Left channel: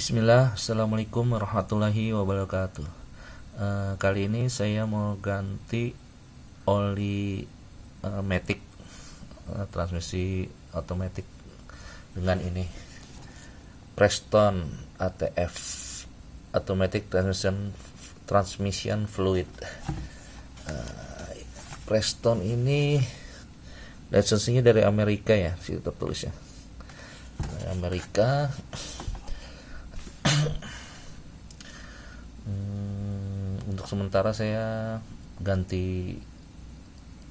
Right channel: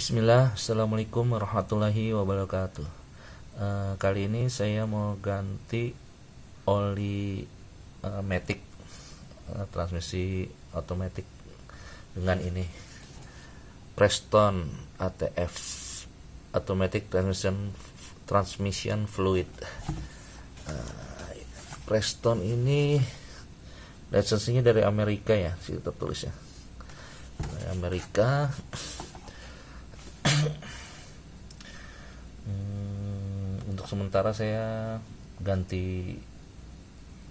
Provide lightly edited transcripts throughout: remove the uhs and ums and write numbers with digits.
Bismillah, Assalamualaikum warahmatullahi wabarakatuh. Kali ini saya mau ganti oli matic, transmisi otomatis dengan ini Preston ATF, Automatic Transmission Fluid. Preston ini lisensinya dari Amerika ya, situ tertulisnya dari Amerika. Untuk sementara saya ganti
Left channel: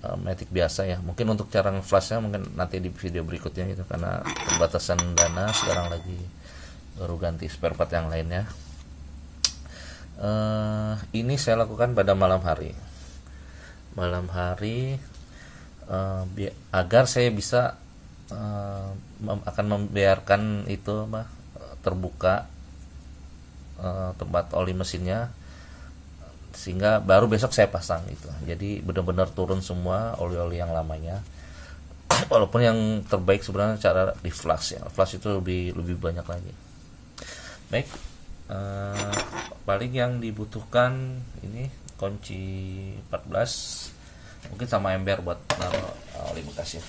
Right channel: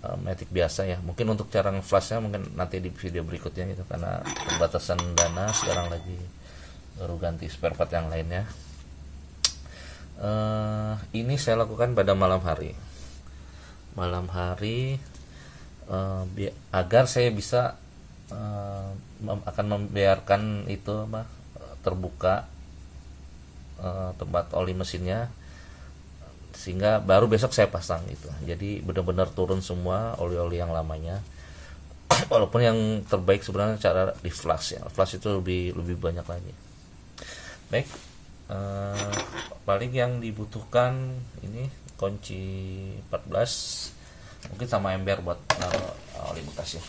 matic biasa ya. Mungkin untuk cara ngeflashnya mungkin nanti di video berikutnya gitu, karena terbatasan dana sekarang lagi baru ganti spare part yang lainnya. Ini saya lakukan pada malam hari agar saya bisa akan membiarkan itu terbuka tempat oli mesinnya, sehingga baru besok saya pasang itu. Jadi benar-benar turun semua oli-oli yang lamanya. Walaupun yang terbaik sebenarnya cara di flash ya, flash itu lebih banyak lagi. Baik, paling yang dibutuhkan ini kunci 14, mungkin sama ember buat naruh oli bekas ya.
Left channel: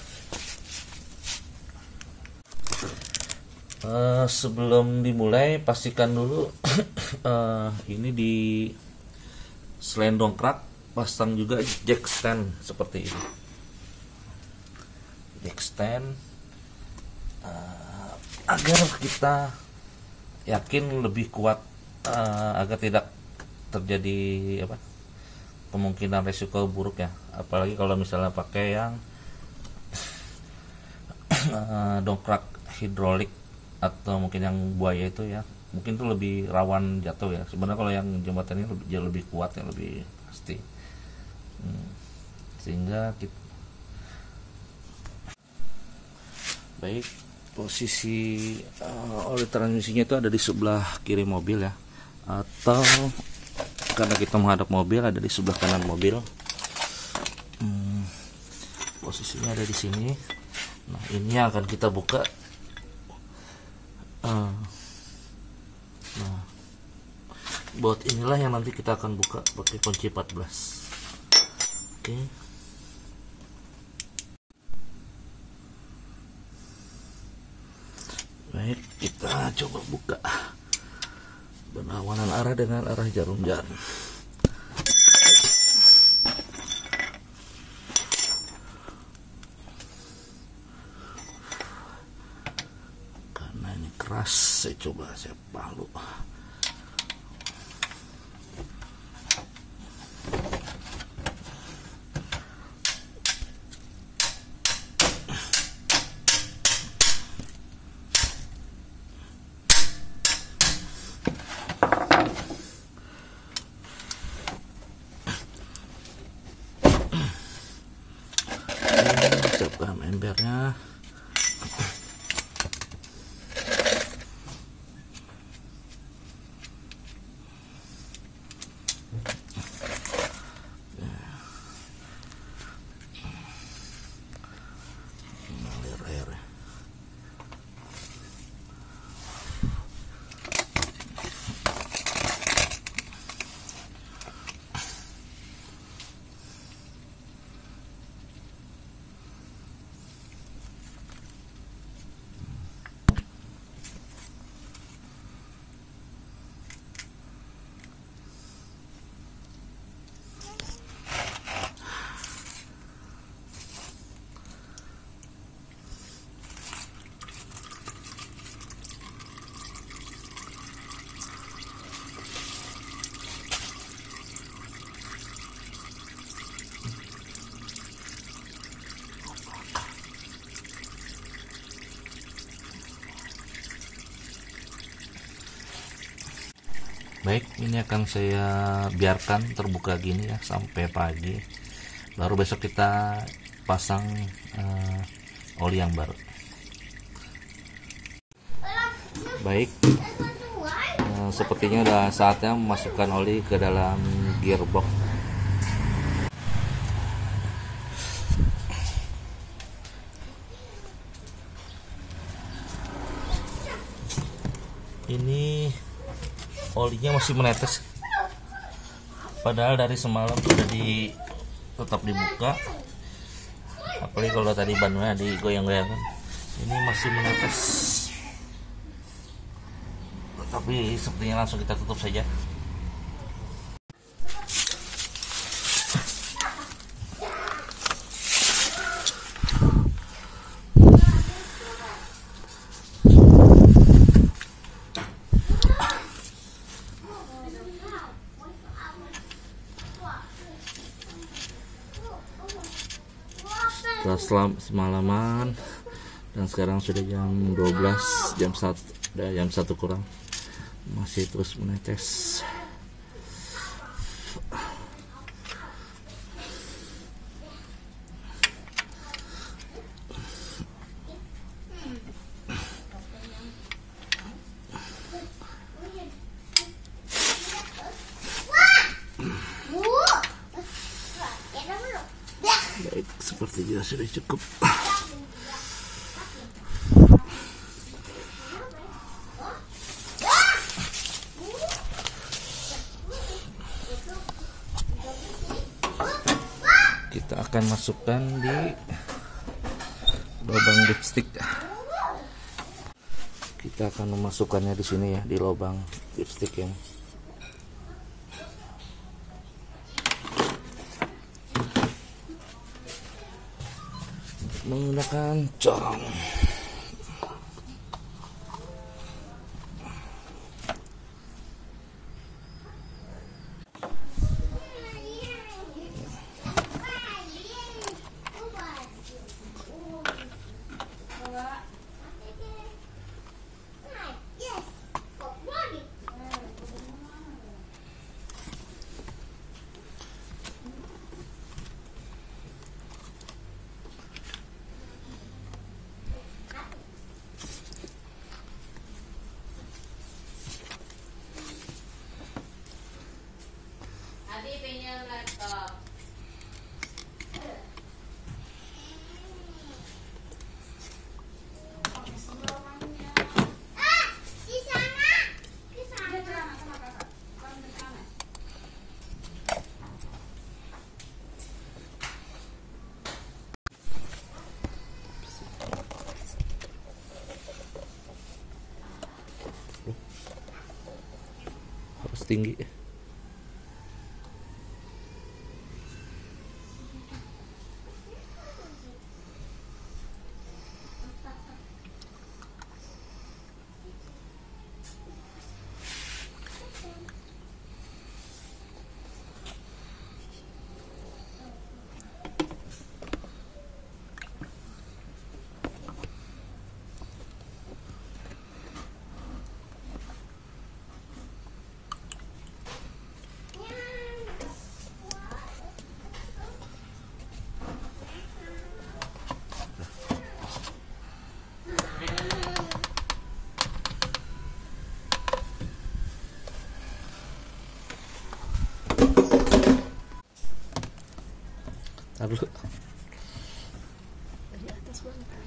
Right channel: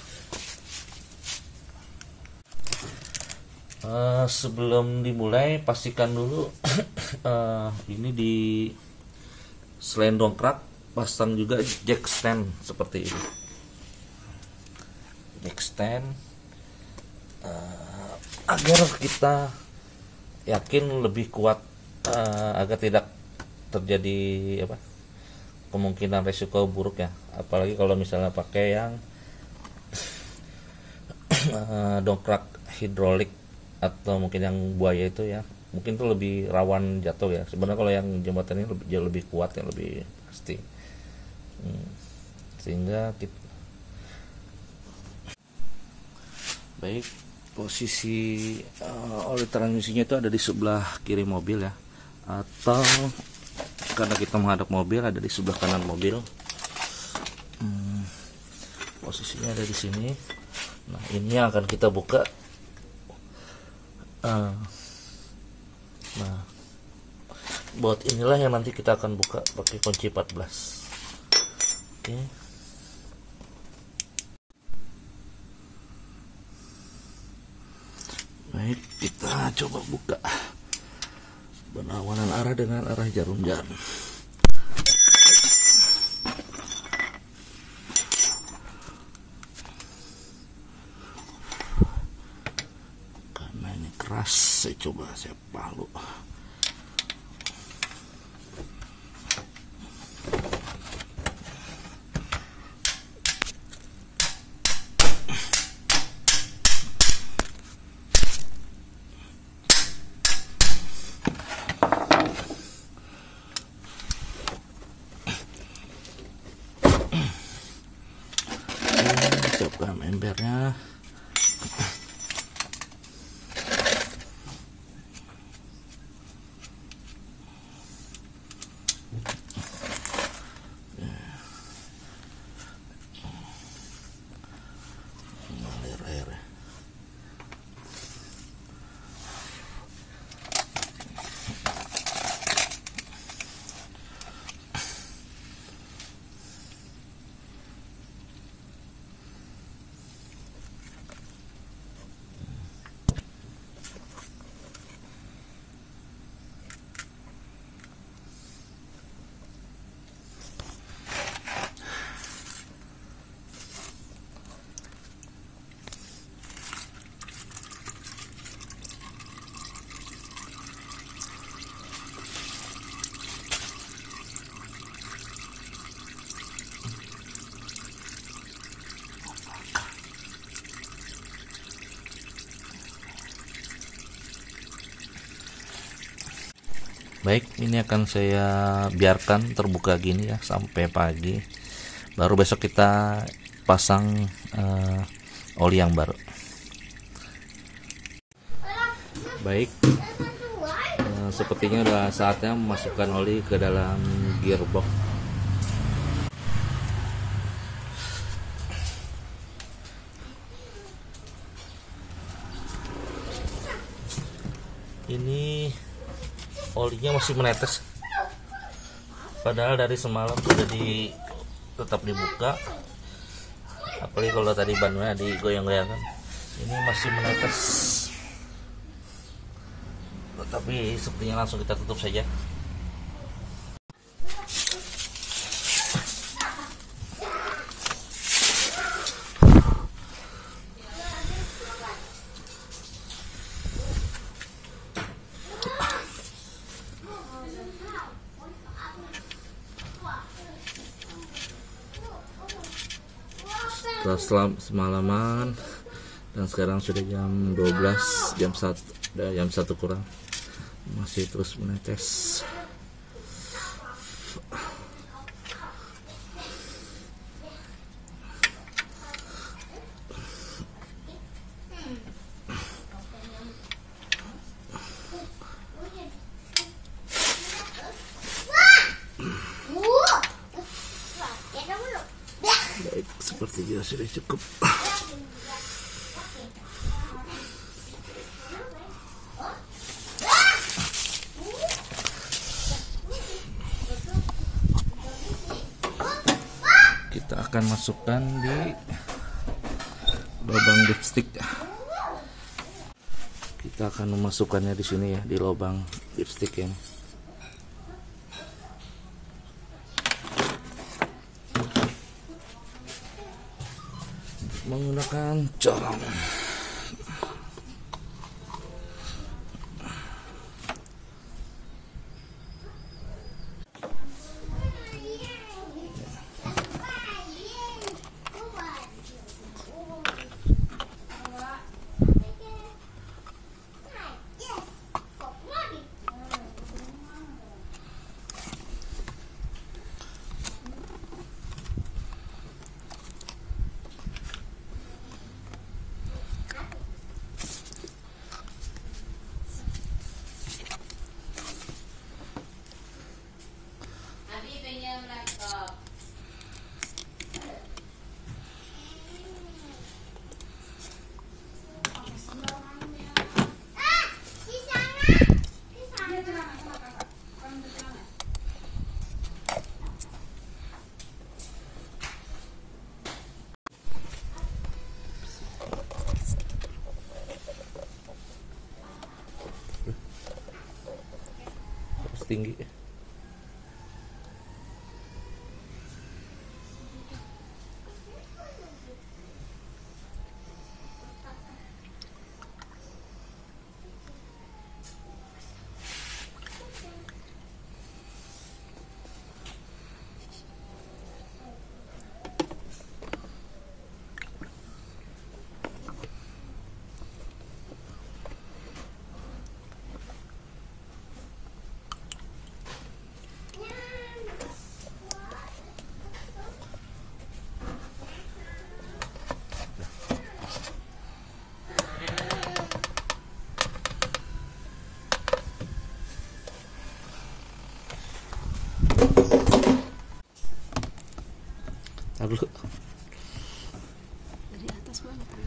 Sebelum dimulai pastikan dulu ini di selain dongkrak pasang juga jack stand seperti ini. Jack stand agar kita yakin lebih kuat, agar tidak terjadi kemungkinan resiko buruk ya. Apalagi kalau misalnya pakai yang dongkrak hidrolik atau mungkin yang buaya itu ya, mungkin itu lebih rawan jatuh ya. Sebenarnya kalau yang jembatan ini jauh lebih kuat ya, lebih pasti. Sehingga kita baik, posisi oli transmisinya itu ada di sebelah kiri mobil ya, atau karena kita menghadap mobil ada di sebelah kanan mobil. Posisinya ada di sini. Nah, ini yang akan kita buka. Nah, buat inilah yang nanti kita akan buka pakai kunci 14. Oke. Baik, kita coba buka. Berlawanan arah dengan arah jarum jam. Karena ini keras, saya palu. Siapkan embernya. Baik, ini akan saya biarkan terbuka gini ya sampai pagi. Baru besok kita pasang oli yang baru. Baik, sepertinya udah saatnya memasukkan oli ke dalam gearbox. Ini olinya masih menetes, padahal dari semalam sudah tetap dibuka. Apalagi kalau tadi bannya digoyang-goyangkan, ini masih menetes. Tapi sepertinya langsung kita tutup saja. Setelah semalaman dan sekarang sudah jam 12, jam 1 kurang, masih terus menetes. Baik, sepertinya sudah cukup. Kita akan masukkan di lubang dipstick. Kita akan memasukkannya di sini ya, di lubang dipstick yang menggunakan corong. Tinggi. Taruh dari atas bantal.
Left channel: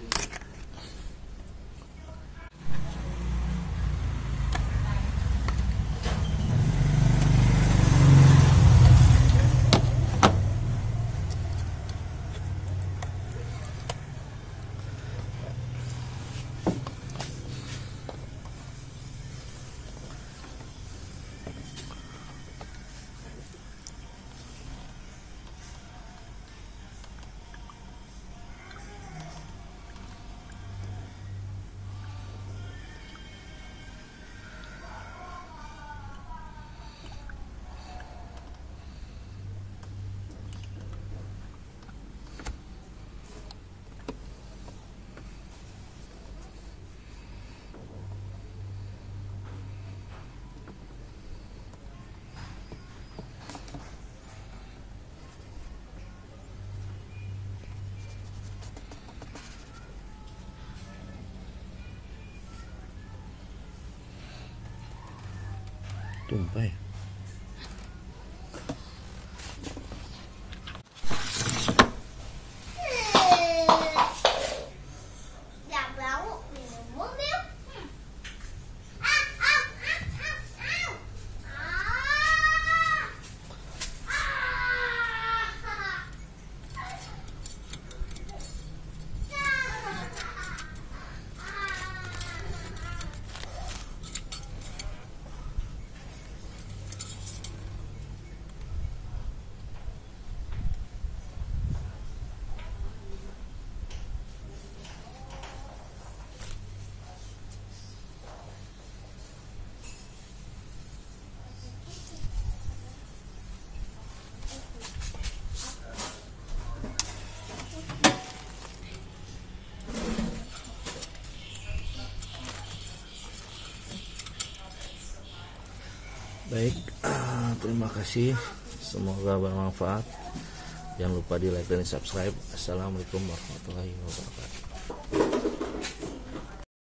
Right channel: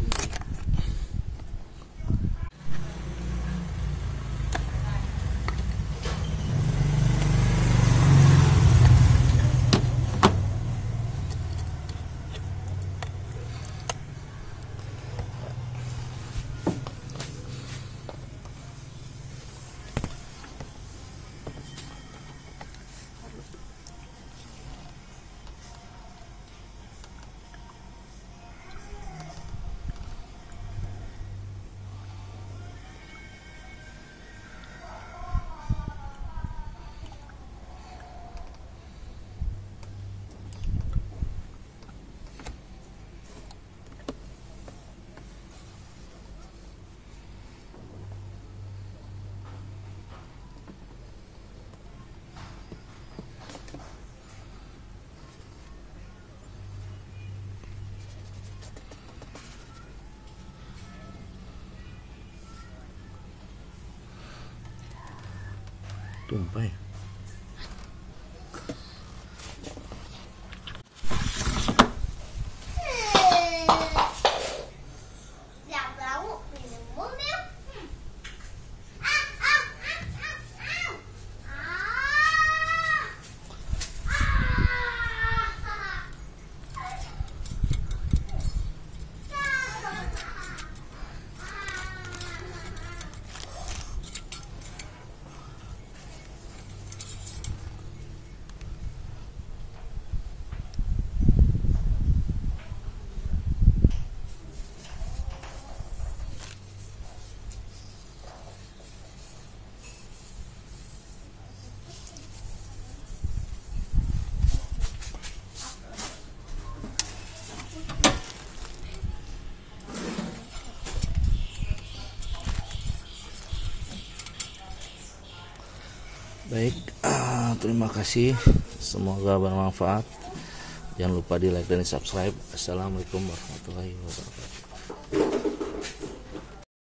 tumpah ya. Baik, terima kasih, semoga bermanfaat. Jangan lupa di like dan subscribe. Assalamualaikum warahmatullahi wabarakatuh.